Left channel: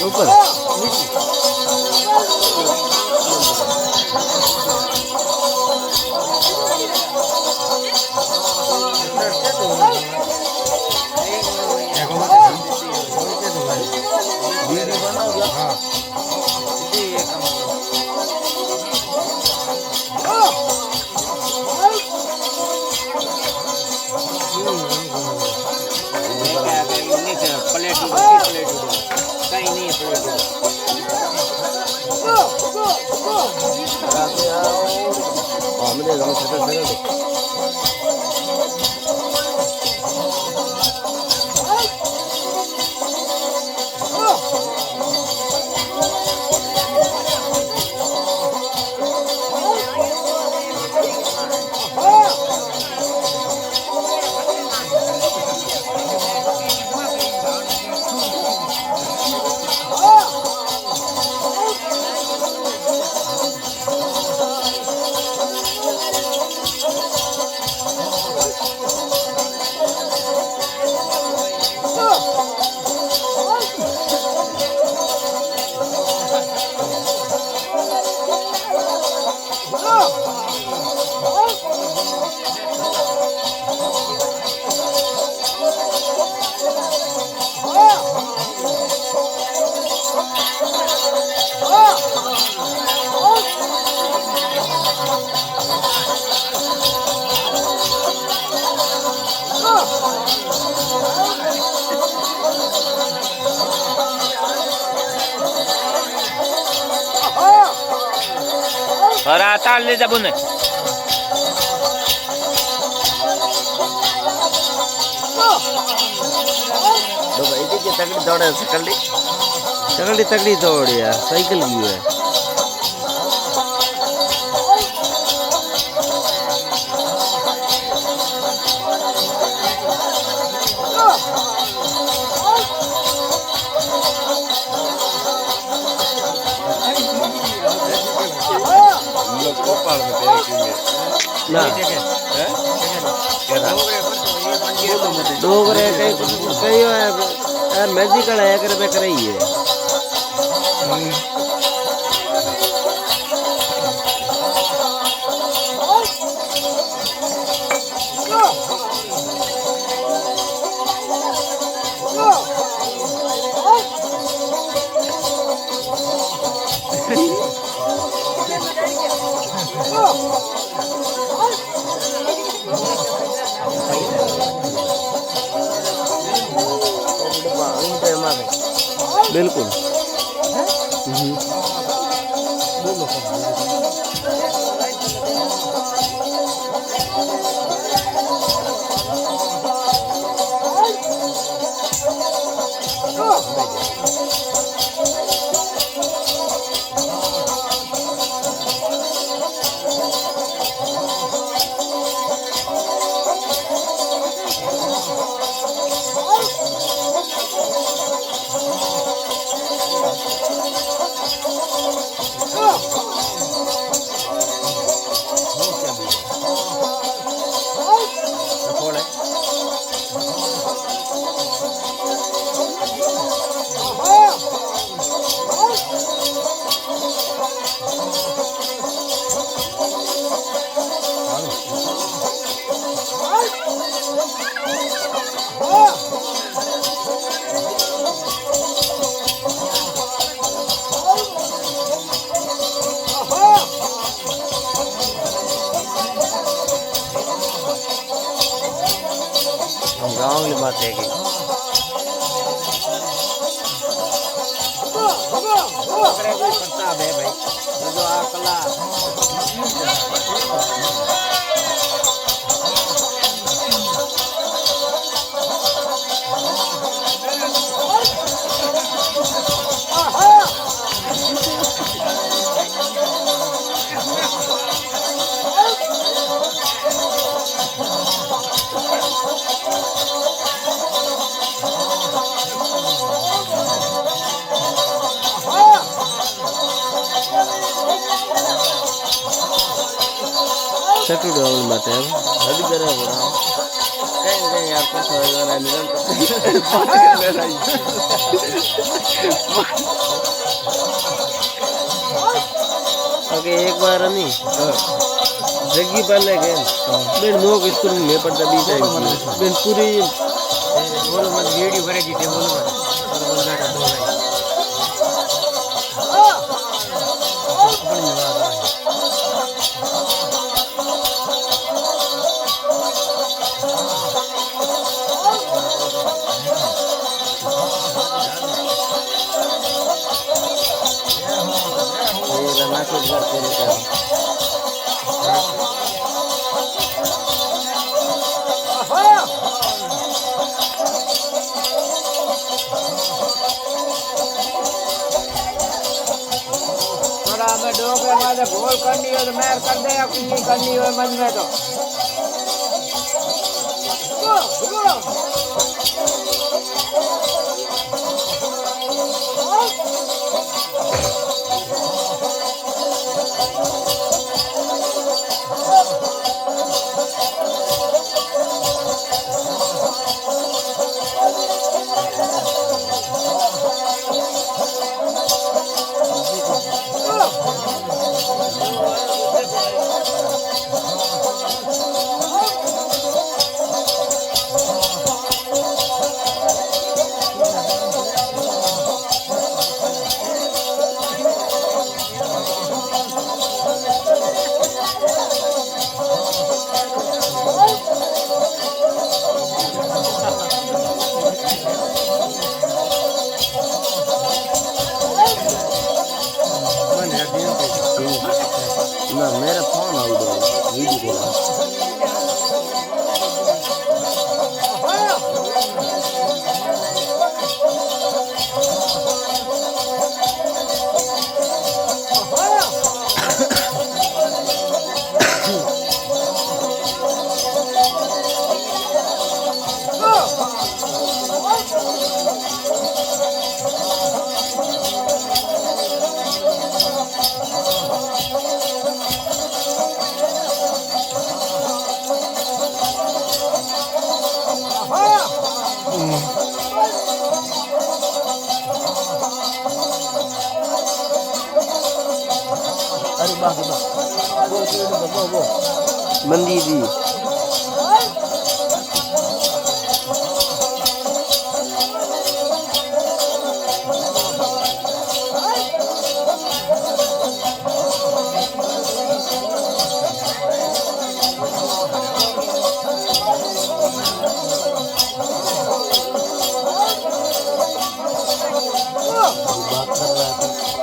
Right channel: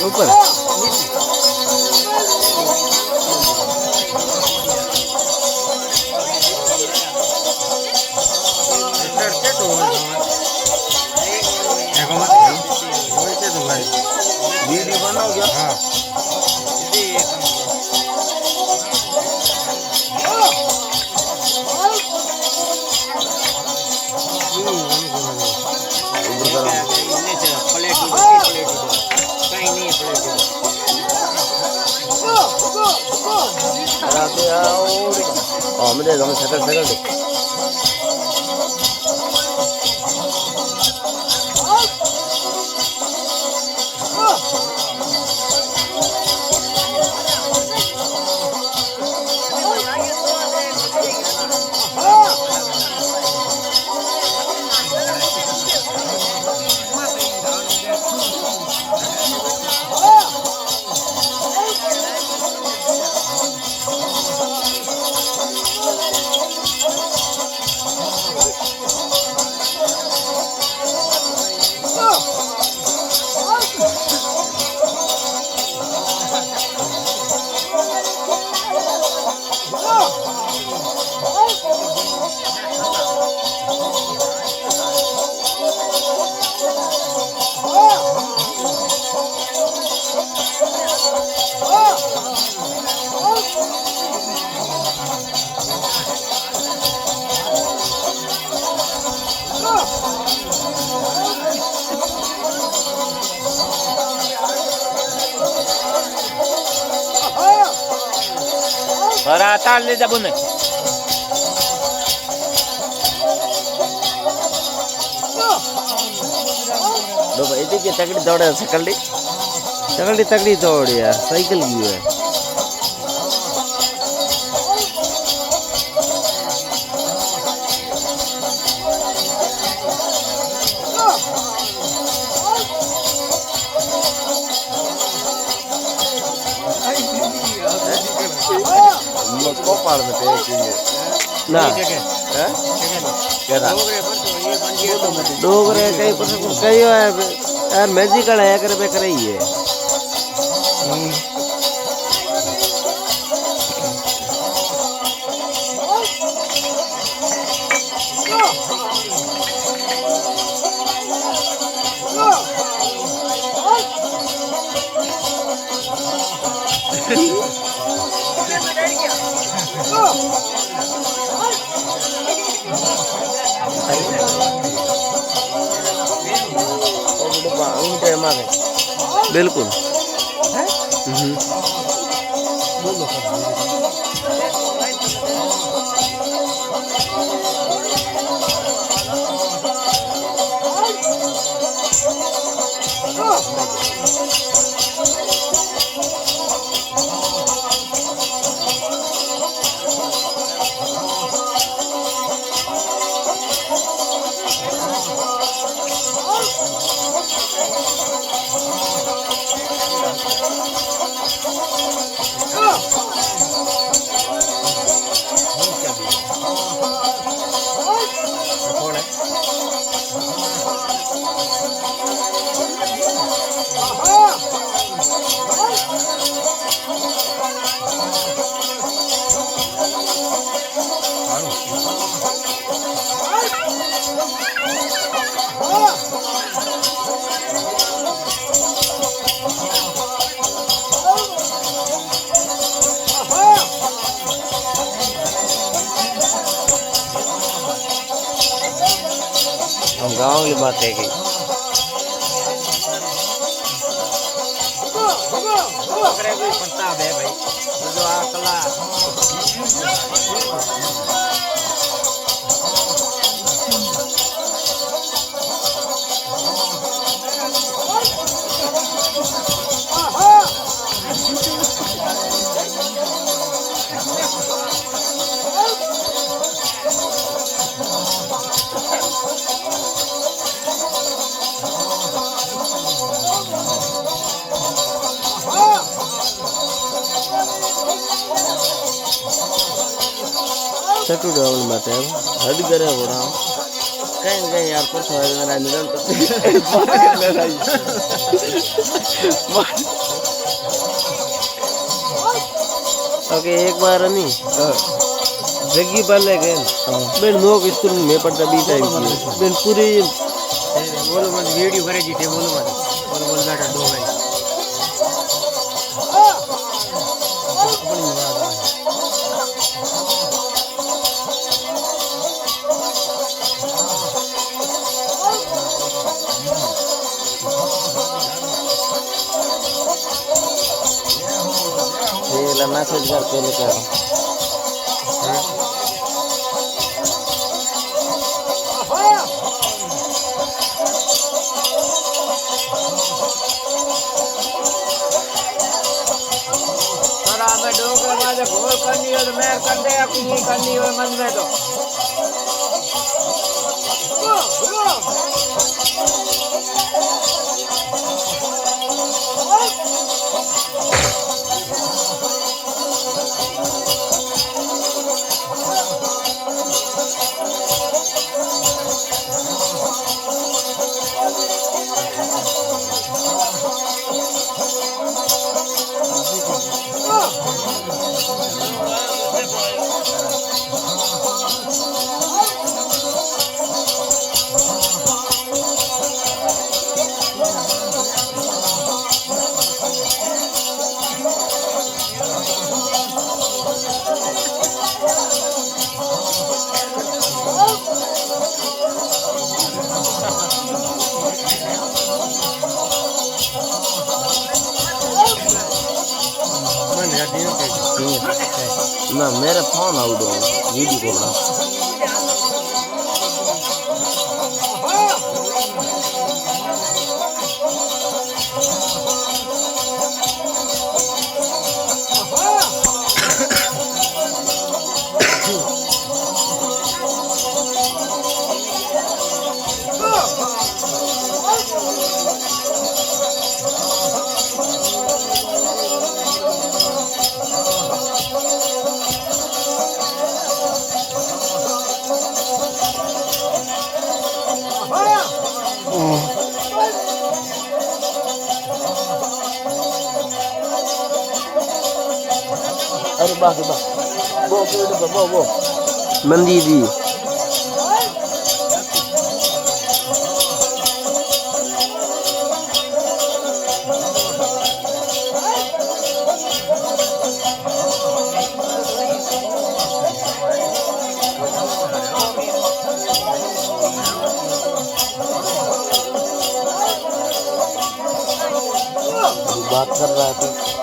ऊपर Para le da bune. तगड़ी दौड़े सकल्डी तगड़ी तगड़ी दौड़ यार साइकिल की है ना डोगरे कई कई यार मैजिकल है करे पे करे ही है बिल्कुल गाँव की बात है कि ચકડું આવણ માટે એમ હદ કરે કઈ કઈ યાર તો ओके एक बार नहीं जग्गी पाले के बेन नो स्कूल में पढ़ता भी चाहिए बेन पूरी वीडियो करे जी टेबल में बैठा दो भाई मैसेज करते लेकर डोकर में गोल करनी हो तो मैं कर देगा कुछ नहीं करनी हो मन में तो ना मेरा फोन आउट है वीडियो अरे बाप वो मंदी दी बात कर रहा था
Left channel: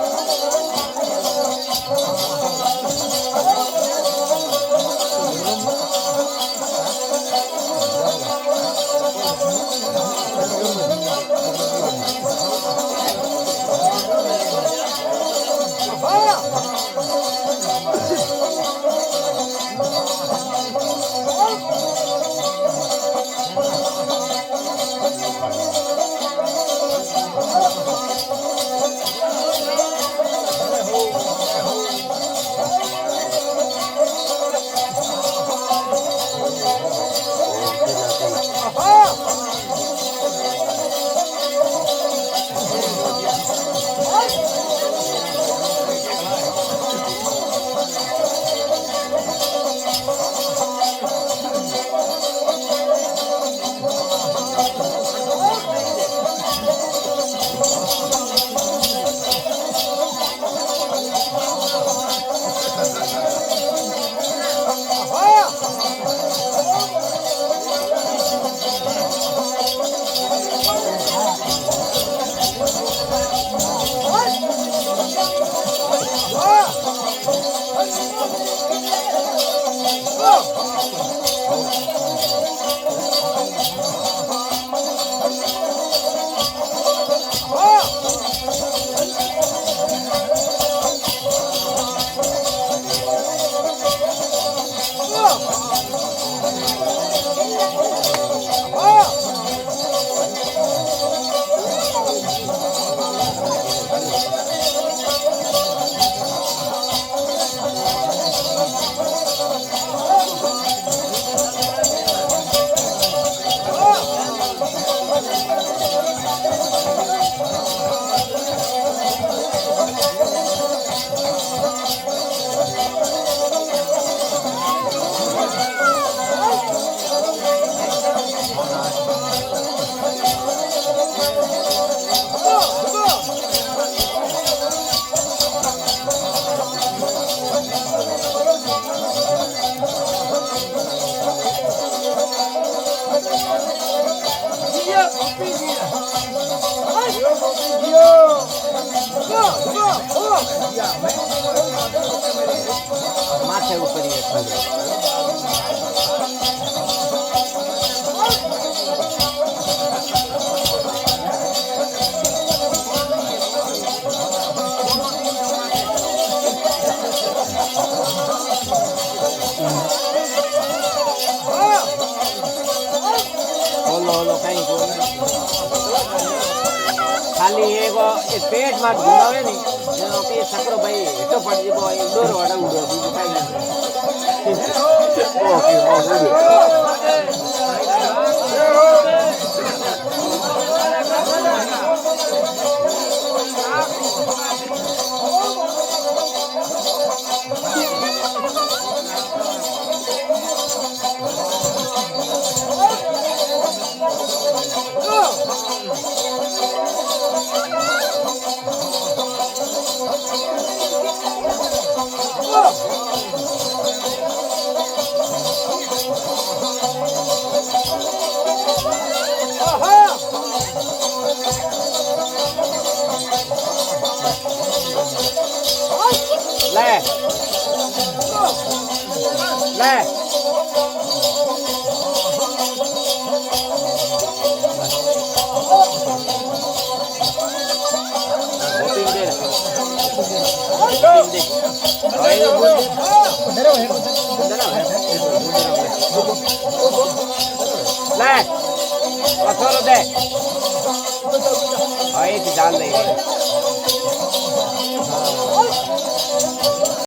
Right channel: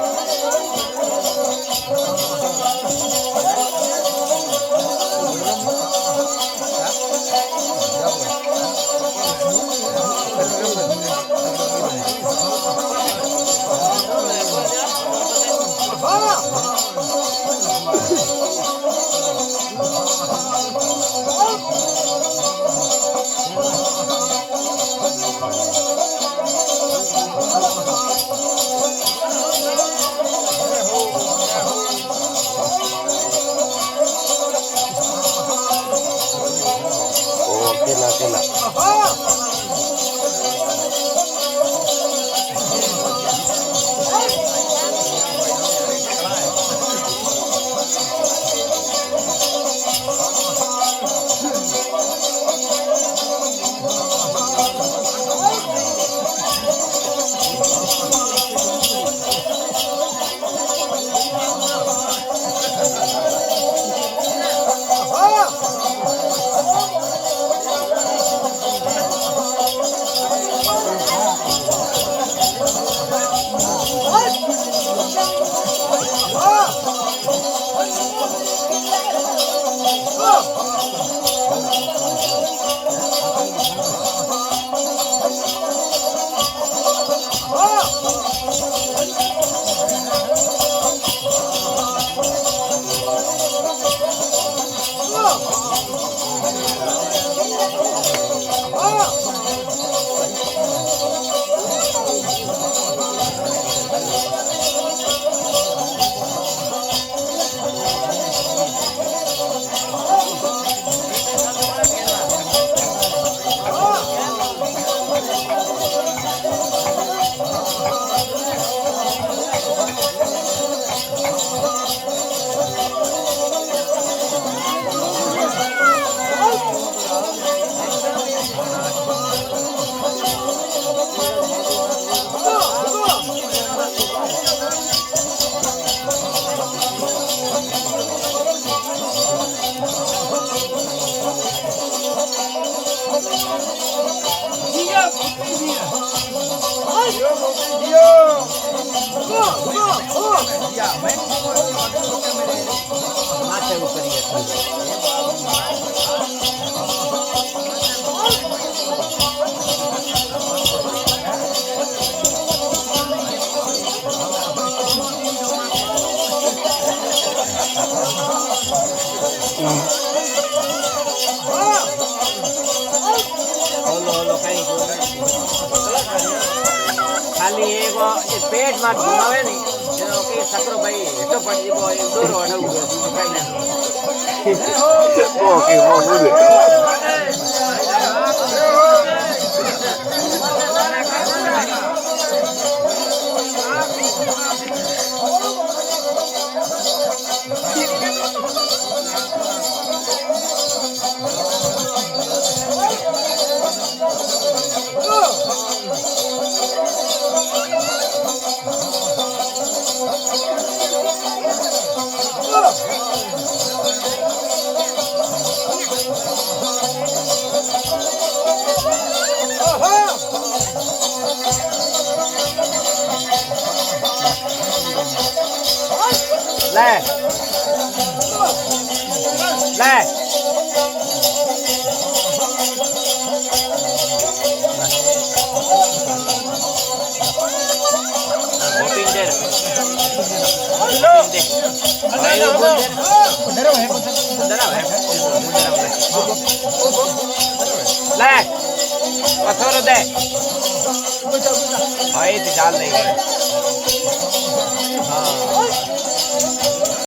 ખાલી એક પેટ માં ઘુમાવે ને જેનો કે સકરો ભાઈ હેઠો પડી ગયો એક દોરો અડાવું ગયો બીજું કાઈ નથી ઓકે લે લે ભાઈ ચાલ નહીં